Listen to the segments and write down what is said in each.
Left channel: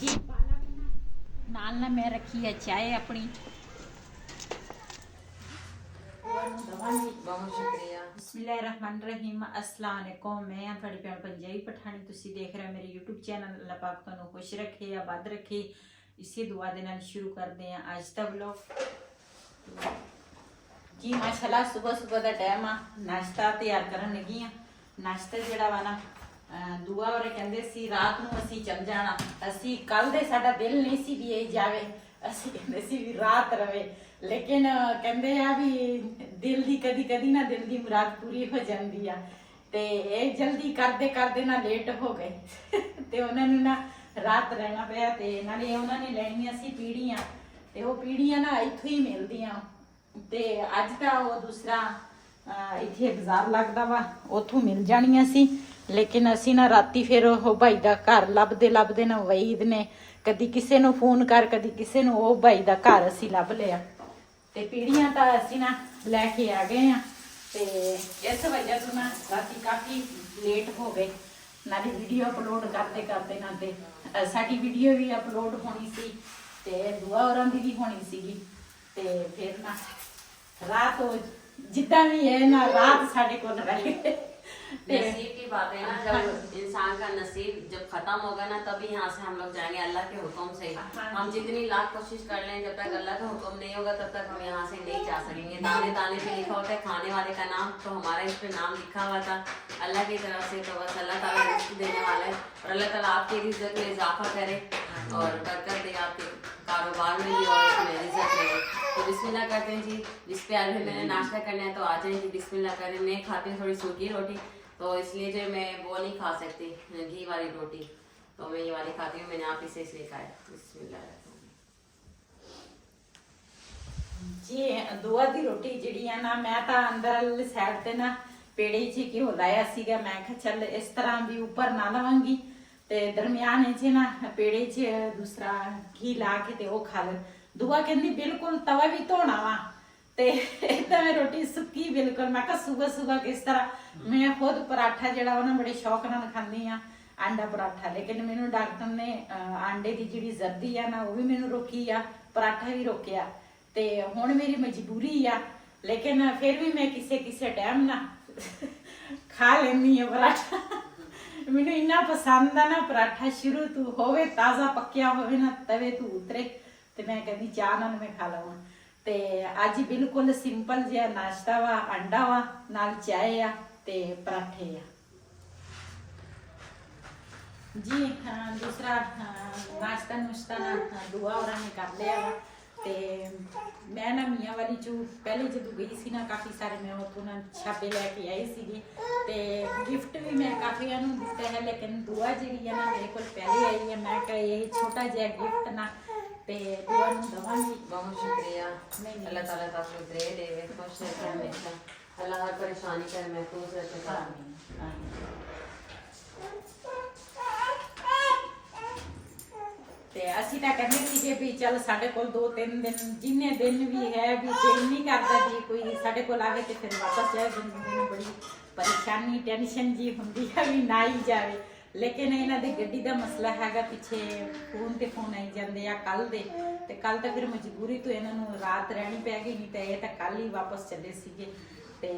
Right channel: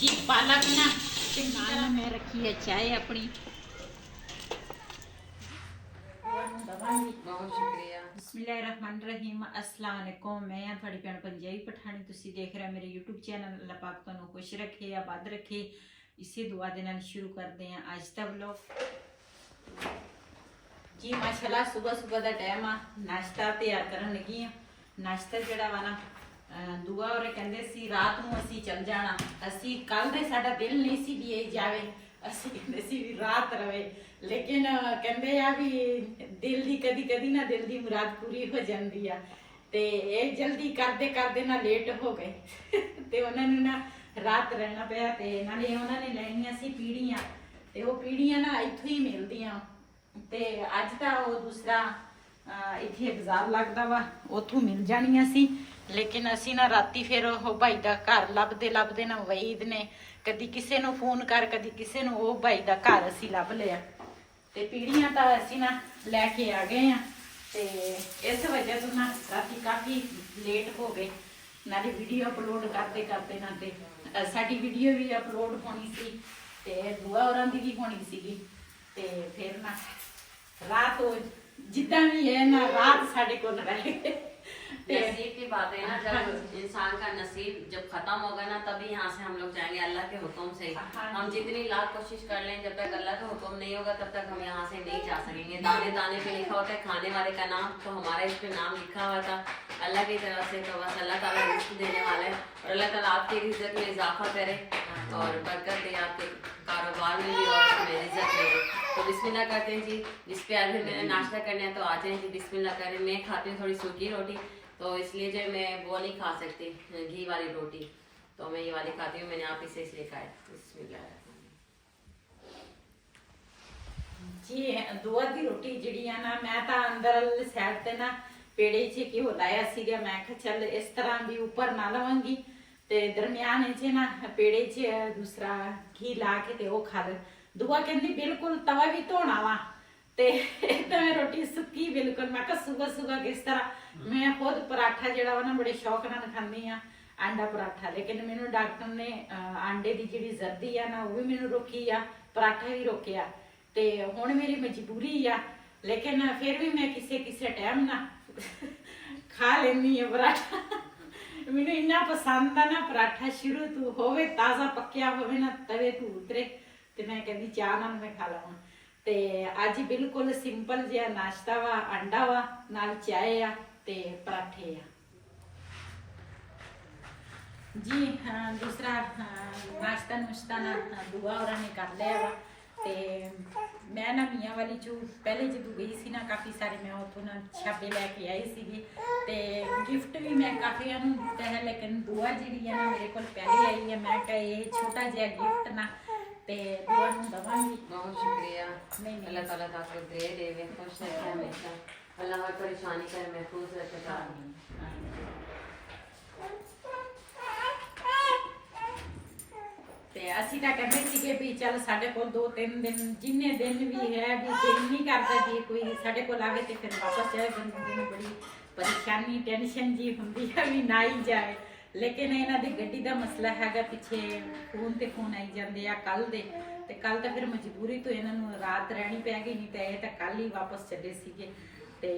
जी पालक ना ते नाल ना मैं रखी है चाय अपनी बहुत शुक्रिया। बिस्मिल्लाहिर्रहमानिर्रहीम अस्सलाम वालेकुम। मैं हाँ थोड़ी भैन पंजाबी पठानी तुसी देख रहे हो मेरे यूट्यूब चैनल। अल्लाह पाक तुहानू खुश रखे आबाद रखे। इसी दुआ दे नाल शुरू करते हैं अज का व्लॉग। जी माशाल्लाह सुबह सुबह का टाइम आ नाश्ता तैयार करन लगी हाँ। नाश्ता जिहड़ा वा ना दुआ और कहंदे सी रात नूं असीं चल जाना। असीं कल दे साडा दिल नहीं सी भी ये जावे, असीं कहंदे सी भी रात रवे, लेकिन कहंदे आ भी दिल दी कदी कदी ना दिल दी मुराद पूरी हो जाती है। ते ये जल्दी करते करते ना लेट हो गए ते उन्होंने ना रात रहना पिया। ते नाले उन्होंने लैनियां सी पीढ़ियां ते वो पीढ़ियां ना इत्थों ही मिलदियां। ते अज दा वो दूसरा इत्थे बाजार लगदा वा उथों मिल जानियां सी, लेकिन असी ना राती फिर वो भाई का घर लभदे लभदे ना वईद ने कदी किसी नूं फोन कर कदी किसी नूं वो भाई का घर असी लभ लिया। ते पीढ़ियां तो असी ना लैके आ गए हैं। ते इस वजह तो ना राती काफ़ी लेट हो गए। नाली वीडियो अपलोड करते करते ना ते साडी वीडियो भी अपलोड होनी सी ते दुआ होरां दी भी होनी सीगी। ते फिर ना रात हो जिद्दां भी है ना रात साडे कोल रह गए। नसीब की बात है ना, जब इंसान का नसीब जब खत्म होगा ना तभी यहाँ से हम लोग जाएंगे अल्लाह के हुक्म से। हम जितनी लाख कोशिश कर लें जब तक अल्लाह का हुक्म नहीं होगा तब तक हम यहाँ से नहीं जा सकेंगे। दाने दाने पे लिखा होता है खाने वाले का नाम, तो हमारा इस पे नाम लिखा हुआ था अल्लाह की तरफ से। तो बस अल्लाह ताला रिज़्क़ देने वाला है और अल्लाह ताला आपके रिज़्क़ में इजाफा करे और बरकत दे आपके कारोबार में भी और इसमें रिज़्क़ में। तो बिस्मिल्लाह करते हैं जी। जिस पे आज मैंने नाश्ता करना है तो आ जाए जी, बिस्मिल्लाह करें। मैं खाती हूँ थोड़ी सूखी रोटी, तो इसलिए जो मैं वो नहीं खा सकती घी वाली रोटी, तो मैं ये वाली खाती हूँ। मैंने आप इसे इसलिए खाया। बिस्मिल्लाह जी दुआ दी रोटी जिहड़ी आ ना मैं तो अंदर साइड ते ना पेड़े च घ्यो लाया सीगा। मैं कहा चल इस तरह भी ऊपर ना लवांगी ते दरमियान च ना पेड़े च दूसरा घी ला के ते वो खा ले। दुआ कहंदी बिल्कुल तवा भी धोना वा ते इदां मैं रोटी सुक्की बिल्कुल। मैं कहा सुबह सुबह किस तरह मैं खुद पराठा जिहड़ा वा ना बड़े शौक नाल खांदी आ आंडा पराठा, लेकिन मैनू डॉक्टर ने आंडे दी जिहड़ी जर्दी आ ना वो भी मैनू रोकी आ, पराठा भी रोकिया। ते हुण मेरी मजबूरी आ, लेकिन फिर भी मैं किसे किसे टाइम ना खा लेंदी आ पराठा। मैनू इन्ना पसंद आ ना पराठा, शुरू तो होवे ताज़ा पक्या होवे ना तवे तो उतरे ते मैं कहंदी चाह नाल मैं खा लवां। ते अज बिल्कुल सिंपल जिहा नाश्ता वा, अंडा वा नाल चाय आ ते पराठे आ जी। दूसरा नाश्ता नुश्ता ना दुआ होरां ने कर लिया वा। ते मैं ना मियाँ वाली चू पहले जदों गई सी ना काफ़ी सारे मैं उत्थों ना छापे लैके आई सीगी ते गिफ्ट भी मैं काफ़ी नूं दित्ता है, लेकिन दुआ जिहड़ी है ना मेरे कोल पहले आई है। मैं कहा ये छोटा जिहा गिफ्ट ना ते दुआ नूं दवांगी। बहुत शुक्रिया। अल्लाह ताला तो आपको दे देवे, खुश रखे हमेशा, अल्लाह हर परेशानी कर महफूज रखे। ते असी तां कहंदे सीगे भी चल साडे कोल 2-3 दिन जिन्ने दिन भी है भी दिल नहीं करदा भी कोई साडे कोल आवे ते फिर वापस जाए। बंदे नूं बड़ी परेशानी टेंशन जी हुंदी है भी ना ही जाए, लेकिन इन्हां दी गड्डी दा मसला हैगा पिछे फोन ते फोन आई जांदे आ कल दे ते कल तो फिर मजबूरी तो इन्हां नूं रात रहनी पै गई, नहीं तो ये तो कल ही वापस चले सीगे। ते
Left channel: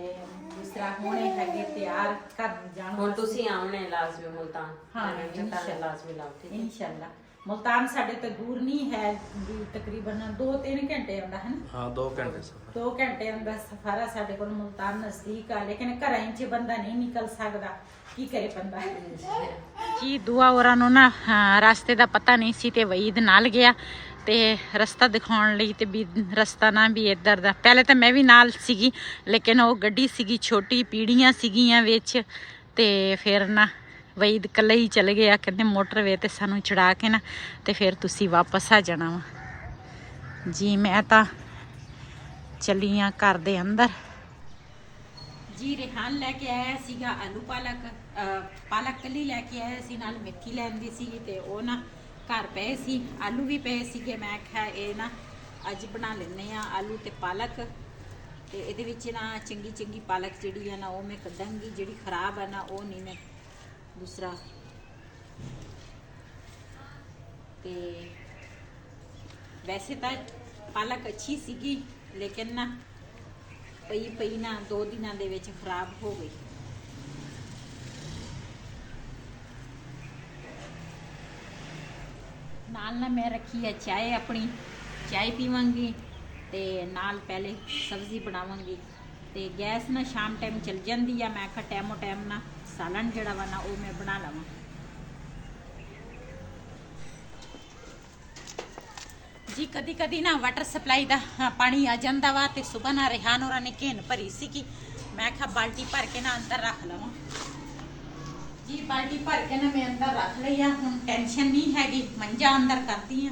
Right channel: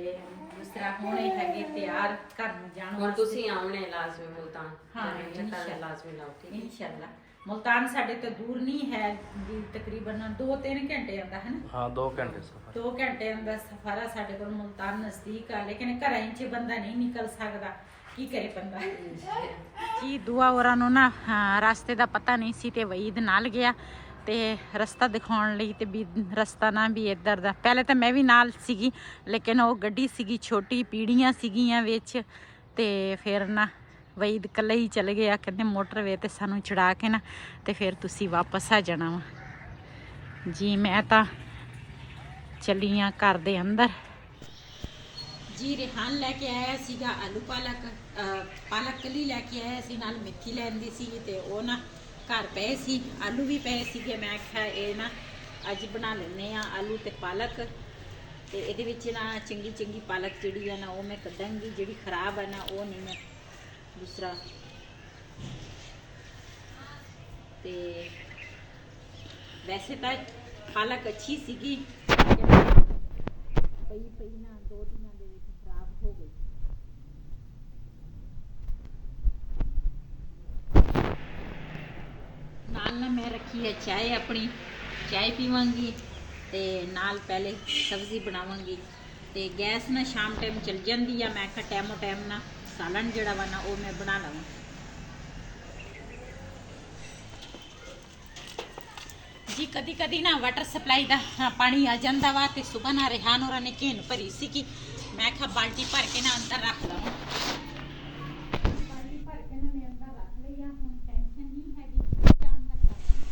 दूसरा हुण ये हैगे तैयार घर नूं जाण और तुसी आमने लाजमी मुल्तान। हाँ इंशाल्लाह लाजमी लाओ, ठीक है इंशाल्लाह। मुल्तान साढ़े तो दूर नहीं है भी तकरीबन 2-3 घंटे आंदा है ना। हाँ 2 घंटे सफर, 2 घंटे आंदा सफर है साढ़े को। मुल्तान नजदीक आ, लेकिन घरां च बंदा नहीं निकल सकदा, की करे बंदा जी। दुआ होरां नूं ना रास्ते दा पता नहीं सी ते वईद नाल गया ते रस्ता दिखाउण लई ते भी रस्ता ना भी इधर दा। पहले तो मैं भी नाल सीगी, लेकिन वो गड्डी सीगी छोटी, पीढ़ियां सीगियां विच ते फिर ना वईद कल्ले ही चले गया। कहते मोटरवे ते सानू चढ़ा के ना ते फिर तुसी वापस आ जाना वा जी। मैं तो चली हाँ घर दे अंदर जी। रेहान लैके आया सीगा आलू पालक, पालक कली लैके आया सी, नाल मेथी लैंदी सी ते वो ना घर पे सी, आलू भी पे सीगे। मैं आख्या ये ना अज बना लेने आ आलू ते पालक ते इहदे विच ना चंगी चंगी पालक जिहड़ी है ना वो मैं कड्डांगी, जिहड़ी खराब है ना वो नहीं मैं दूसरा ਤੇ ਵੈਸੇ ਤਾਂ ਪਾਲਕ ਅੱਛੀ ਸੀਗੀ, ਲੇਕਿਨ ਨਾ ਪਈ ਨਾ 2 ਦਿਨਾਂ ਦੇ ਵਿੱਚ ਖਰਾਬ ਹੋ ਗਈ। ਨਾਲ ਨਾ ਮੈਂ ਰੱਖੀ ਹੈ ਚਾय, ਆਪਣੀ ਚਾय ਪੀਵਾਂਗੀ ਤੇ ਨਾਲ ਪਹਿਲੇ ਸਬਜ਼ੀ ਬਣਾਵਾਂਗੀ। ਤੇ ਗੈਸ ਨਾ ਸ਼ਾਮ ਟਾਈਮ ਚਲ ਜਾਂਦੀ ਆ, ਮੈਂ ਕਿਹਾ ਟਾਈਮੋ ਟਾਈਮ ਨਾ ਸਾਲਣ ਜਿਹੜਾ ਵਾ ਨਾ ਉਹ ਮੈਂ ਬਣਾ ਲਵਾਂ। ਜੀ ਕਦੀ ਕਦੀ ਨਾ ਵਾਟਰ ਸਪਲਾਈ ਦਾ ਪਾਣੀ ਆ ਜਾਂਦਾ ਵਾ ਤੇ ਸੁਬਹ ਨਾ ਰਿਹਾਨ ਹੋਰਾਂ ਨੇ ਘੇਨ ਭਰੀ ਸੀ ਕਿ ਮੈਂ ਕਿਹਾ ਬਾਲਟੀ ਭਰ ਕੇ ਨਾ ਅੰਦਰ ਰੱਖ ਲਵਾਂ। ਜੀ ਬਾਲਟੀ ਭਰ ਕੇ ਨਾ ਮੈਂ ਅੰਦਰ ਰੱਖ ਲਈ ਆ, ਹੁਣ ਟੈਨਸ਼ਨ ਨਹੀਂ ਹੈਗੀ, ਮੰਜਾ ਅੰਦਰ ਕਰਦੀ ਆ।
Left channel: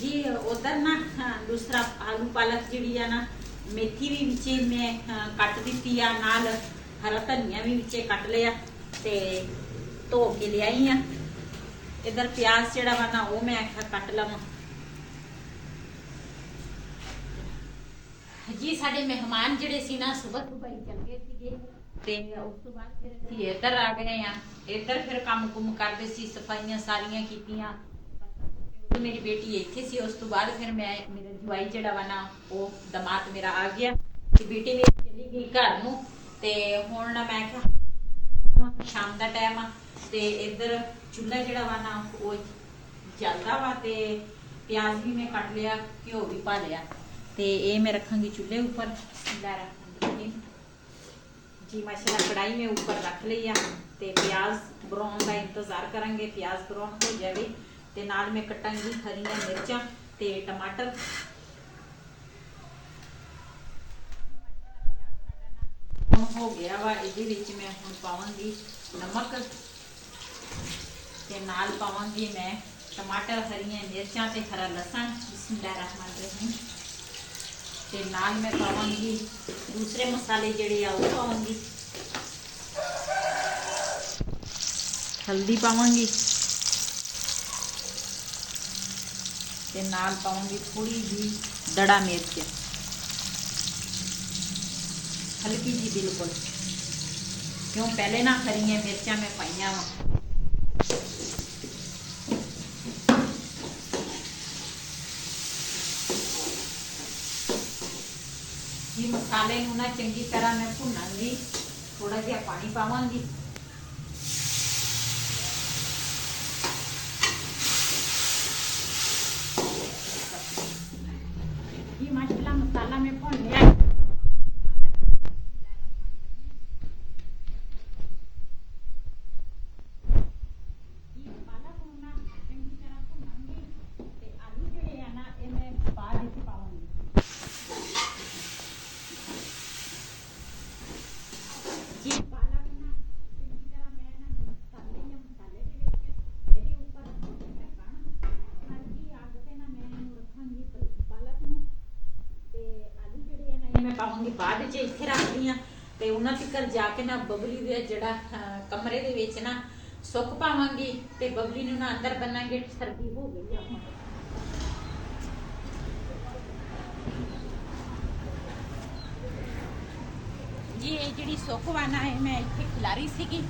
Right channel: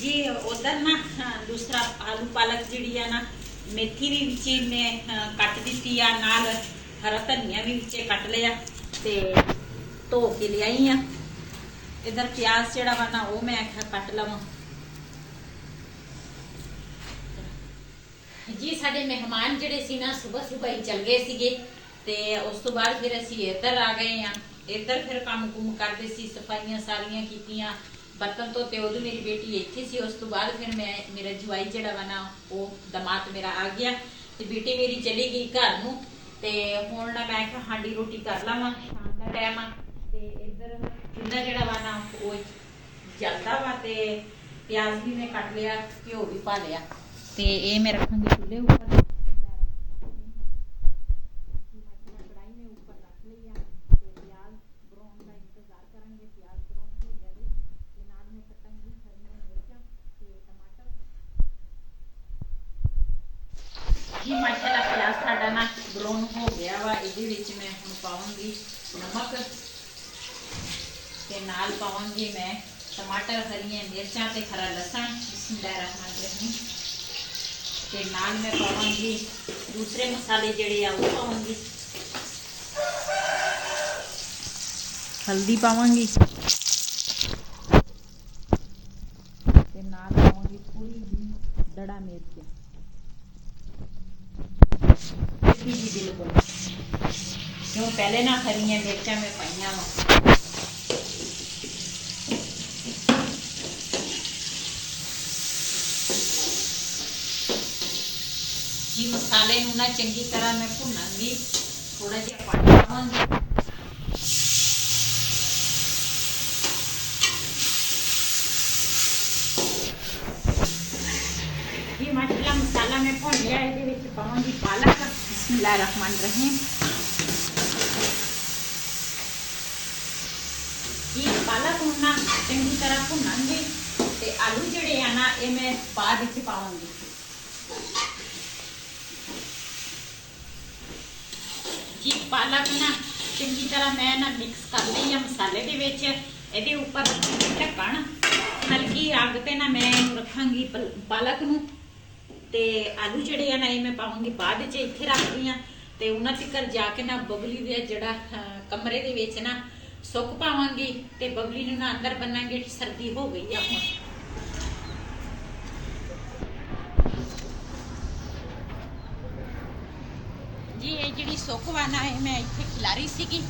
जी उधर ना दूसरा आलू पालक जी ना मेथी भी विचे मैं कट दी आ, नाल हरा धनिया भी विचे कट लिया ते धो के ले आई हाँ। इधर प्याज जड़ा वा ना वो मैं आख्या कट लवां। जी साडे मेहमान जड़े सी ना सुबह सुबह ही चल गए सीगे ते उस तो बाद फिर असी इधर आ गए हाँ। इधर फिर काम कुम करते सी, सफाइयां सारियां कीतियां, बर्तन धोते, उदों मेरी बेटी इत्थे सी। उस तो बाद फिर मैं मेरा जवाई जड़ा वा ना वो दमाद मेरा आ गया ते बेटी मेरी चली गई घर नूं ते हुण ना मैं क्या हांडी रोटी कर लावां, शाम दा टाइम आ ते इधर चूल्हा जड़ा वा ना वो जलदा वा ते प्याज भी मैं कट लिया, घ्यो भी पा लिया ते ये मैं रखांगी चूल्हे ऊपर। जी माशाल्लाह कढ़ाई में ऊपर रख ली आ ते प्याज ब्राउन का इंतजार करेंगे, प्याज ब्राउन हो जाए ते नाल मैं कटांगी हरियां मिर्चां ते टमाटर। जी माशाल्लाह प्याज साडा ना ब्राउन हो गया वा, इहदे विच मैं हुण पावांगी नमक ते नाल पावांगी मैं टमाटर, हरियां मिर्चां ते हरा लहसुन। बिस्मिल्लाहिर्रहमानिर्रहीम। ते नाल मैं पावांगी दूसरे मसाले जड़े आ वो पावांगी, हल्दी पावांगी ते नाल पावांगी थोड़ी जी दड़ा मिर्च, हल्की जी बिल्कुल, क्यों पहले ना हरियां मिर्चां मैं पाइयां वा। जी मसाले नूं ना चंगी तरह मैं भुनांगी, थोड़ा जिहा पानी पावांगी। जी माशाल्लाह मसाला मैं भुन लिया, इहदे विच पावांगी पालक। बिस्मिल्लाहिर्रहमानिर्रहीम। जी पालक नूं ना चंगी तरह भुनांगी ते आलू जिहड़े आ ना ये मैं बाद विच पावांगी। जी पालक ना चंगी तरह मैं ना मिक्स कर ली है मसाले दे विच। इहदे उपर रखांगी ढक्कन, हल्की अग ते ना मैं रखांगी पालक नूं ते आलू जिहड़े आ ना ये मैं पावांगी बाद च, इत्थे रखदी हां ते उन्हां तिकर जाके ना बबली दे जिहड़ा कमरे दे विच ना सुक पावांगी ते बबली नूं ना अंदर बन्नांगे। सर्दी हो गई आ हुण। जी ये जिहड़ी सुक वा ना है मैं इत्थे खिलारी सीगी।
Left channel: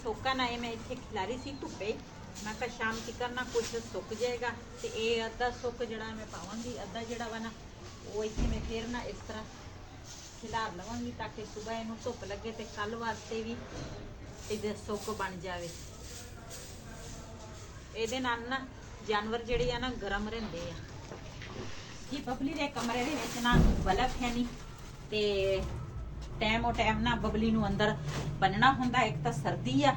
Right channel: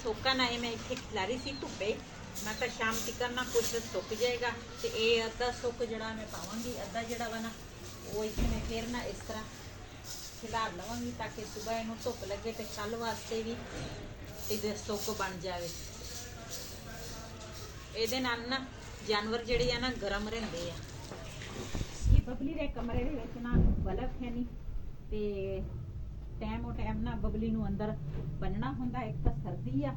सोका ना मैं इतने खिलारी सी धुप्पे, मैं कहा शाम तक ना कुछ सुक जाएगा तो ये अद्धा सुक जड़ा मैं पावांगी, अद्धा जड़ा वा ना वो इतने मैं फिर ना इस तरह खिलार लवांगी ताकि सुबह इनू धुप लगे तो कल वास्ते भी इधर सुक बन जाए। ये ना जानवर जड़े ना गर्म रहंदे आ। ये बबली दे कमरे दे विच ना बल्ब है नहीं ते टाइम और टाइम ना बबली नू अंदर बनना हुंदा, एक तो सर्दी आ।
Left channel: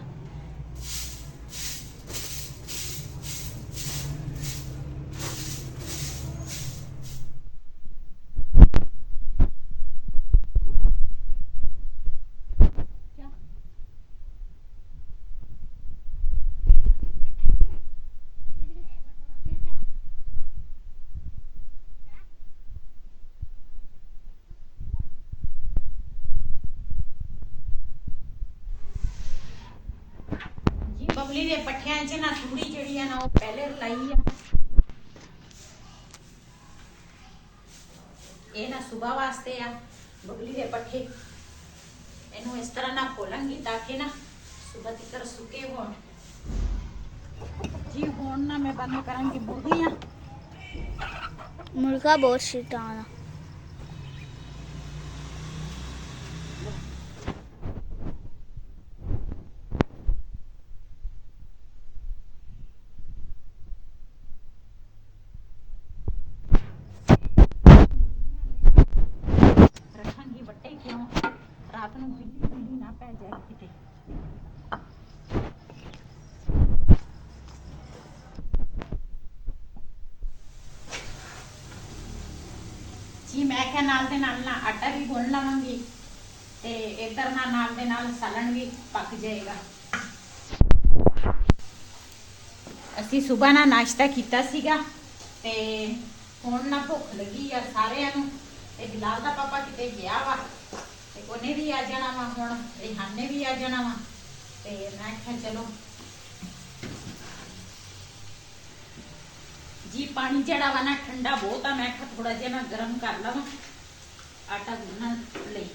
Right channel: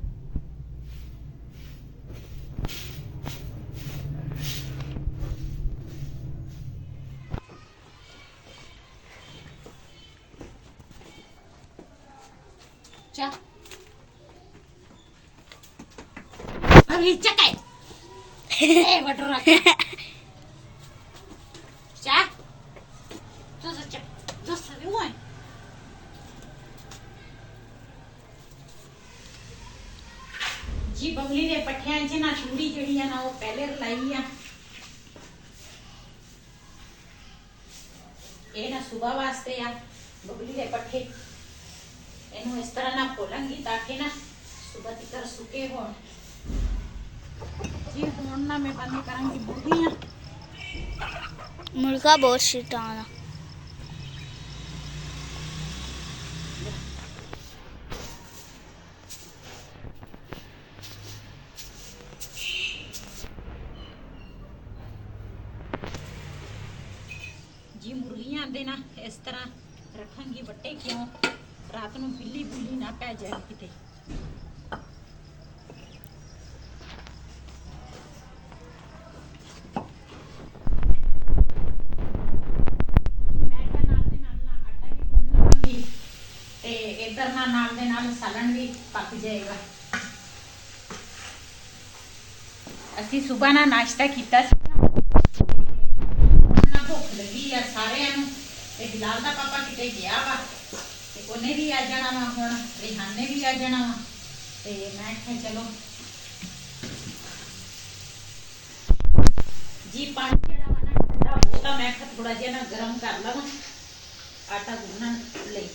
ਵੀ ਚੱਕੇ ਇਹ ਵਟਰ ਰੱਖ ਚਾ ਤੂੰ ਸੱਚ ਦੋਸਤ ਵੀ ਹੋਏ ਜੀ ਬਬਲੀ ਦੇ ਪੱਠਿਆਂ 'ਚ ਨਾ ਚੂੜੀ ਜਿਹੜੀ ਆ ਨਾ ਉਹ ਪਹਿਲੇ ਲਾਈ ਆ ਇਹ ਨਾ ਸੁਬਾ ਵਾਸਤੇ ਆ ਬਬਲੀ ਦੇ ਪੱਠੇ ਇਹਨੂੰ ਇਸ ਤਰ੍ਹਾਂ ਨਾ ਖੋਲਾਂਗੀ ਤਾਂ ਕਿ ਨਾ ਸੁਬਾ ਤੱਕ ਸੁੱਕੇ ਹੋਣ ਜੀ ਹੁਣ ਨਾ ਮੈਂ ਬੰਦ ਕਰਾਂਗੀ ਮੁਰਗੀਆਂ मुर्गा बहुत शैतान है। ये मुर्गियां दे ना इस तरह रखांगी वट्टे क्यों रात ਨੂੰ ਬਿੱਲੀ ਬੁੱਲੀ ਨਾ ਪੈ ਜਾਏ ਕਿਤੇ ਜੀ ਮੈਂ ਕਿਹਾ ਨਾਲ ਦੇ ਨਾਲ ਨਾ ਆਟਾ ਵੀ ਗੁੰਨ ਲਵਾਂਗੀ ਤੇ ਇਧਰ ਨਾਲ ਦੇ ਨਾਲ ਸਾਲਣ ਵੀ ਪੱਕ ਜਾਏਗਾ ਅਸੀਂ ਸਵੇਰ ਨਾ ਨਾਸ਼ਤਾ ਕੀਤਾ ਸੀਗਾ ਤੇ ਹੁਣ ਨਾ ਭੁੱਖ ਲੱਗੀ ਆ ਸਾਰਿਆਂ ਨੂੰ ਤੇ ਬਿਲਾਲ ਦਾ ਪਾਪਾ ਕਿਤੇ ਗਿਆ ਵਾ ਤੇ ਉਹਨੇ ਵੀ ਆ ਜਾਣਾ ਵਾ ਹੁਣ ਰਿਹਾਨ ਨੇ ਵੀ ਆ ਜਾਣਾ ਵਾ ਤੇ ਮੈਂ ਕਿਹਾ ਚਲੋ ਜੀ ਪਾਣੀ ਜਿਹੜਾ ਵਾ ਨਾ ਠੰਡਾ ਬਹੁਤ ਆ ਮੈਂ ਕਿਹਾ ਥੋੜਾ ਜਿਹਾ ਨਾ ਗਰਮ ਕਰ ਲਵਾਂ ਆਟਾ ਗੁੰਨਣ ਲਈ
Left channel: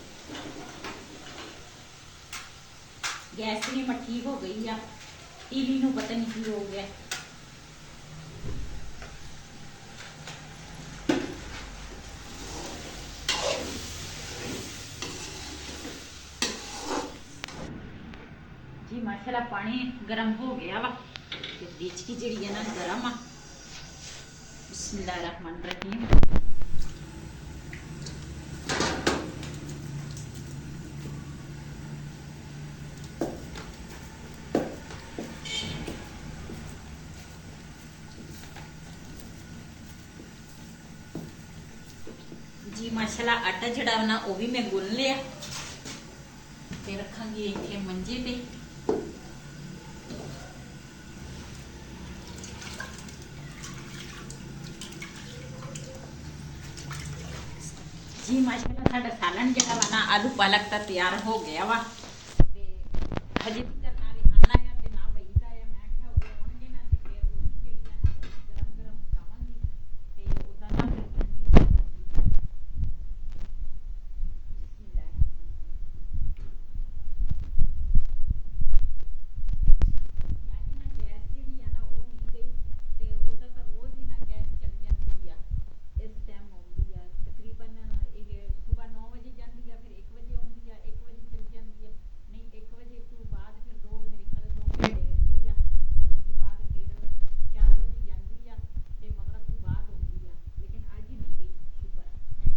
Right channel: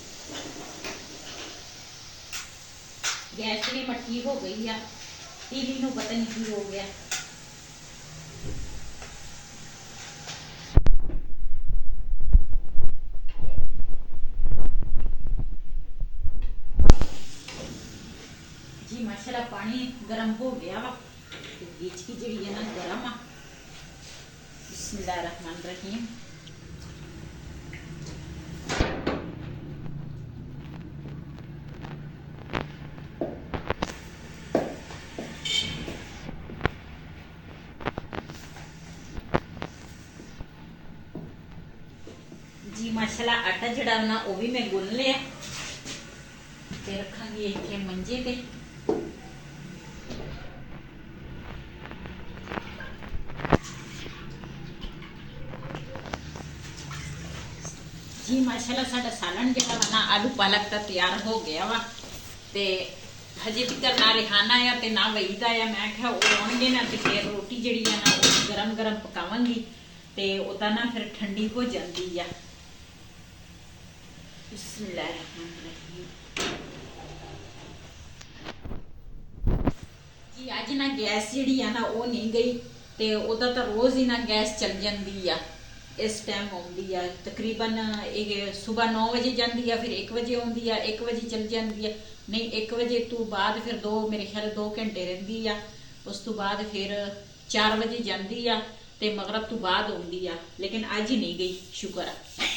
ਗੈਸ ਵੀ ਮੱਠੀ ਹੋ ਗਈ ਆ ਟੀਵੀ ਨੂੰ ਪਤਾ ਨਹੀਂ ਕੀ ਹੋ ਗਿਆ जी माशाल्लाह पानी गर्म हो गया वा बीच की जड़ी है ना गर्म आ बिस्मिल्लाहिर्रहमानिर्रहीम जी माशाल्लाह आटा जड़ा ना वो भी मैं गुन लिया ते रखांगी इतने मंजे पे जी माशाल्लाह साडा सालन जेड़ा वा ना आलू पालक दा तैयार हो गया वा ते हजे तक ना रिहाना आ ते ना वईदा आ मैं कहा ओ आउणगे ना ते फिर रोटी जेड़ी आ ना ओ गरम गरम पकावांगी ते ओदा ना फिर ठंडी हो जांदी आ बिस्मिल्लाहिर्रहमानिर्रहीम जी आज ना गैस जेड़ी आ ना ओ नहीं गई ते ओदा तां रोज ही ना गैस चल जांदी आ इस टाइम आउंदी आ तकरीबन सुबह 9 बजे जाती है फिर 1 बजे आउंदी आ 1 बजे चल जाती है नहीं 1 बजे तो बाद फिर मेरे ख्याल 2 घंटे रहिंदी आ उस तो बाद फिर 4 बजे जाती आ ते मगरब तो बाद आउंदी आ लेकिन अज ही नहीं गई शुक्र आ